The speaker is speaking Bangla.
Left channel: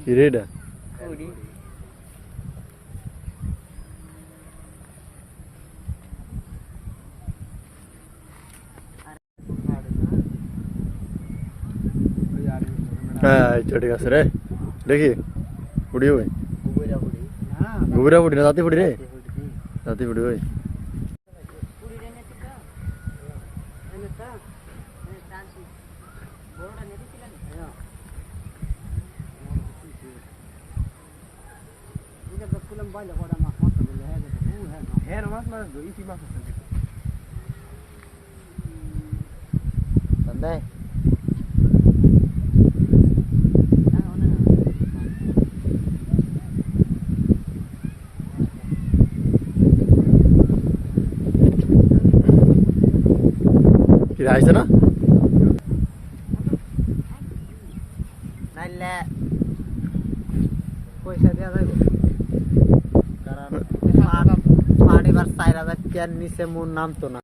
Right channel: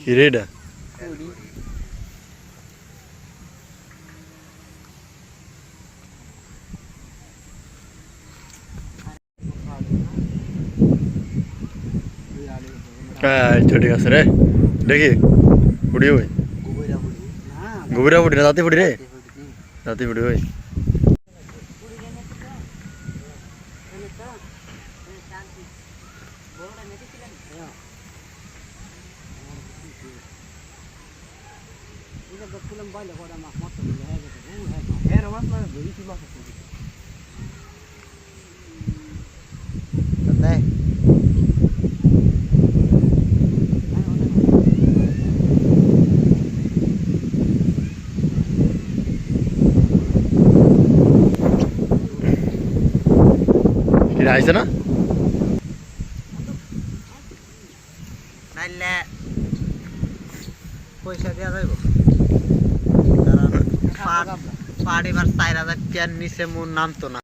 কি রে এটা? ঠিক আছে রে, দেখি পুড়ি ওই গোবরা পুড়ি না, রাতে পুড়ি রে, রাতে পুড়ি ওই। আইছে না নাইলে পয়সা দেওয়া যাইব, কারণ পাড় এবার 4000 টাকার নিচে মন নামতো না।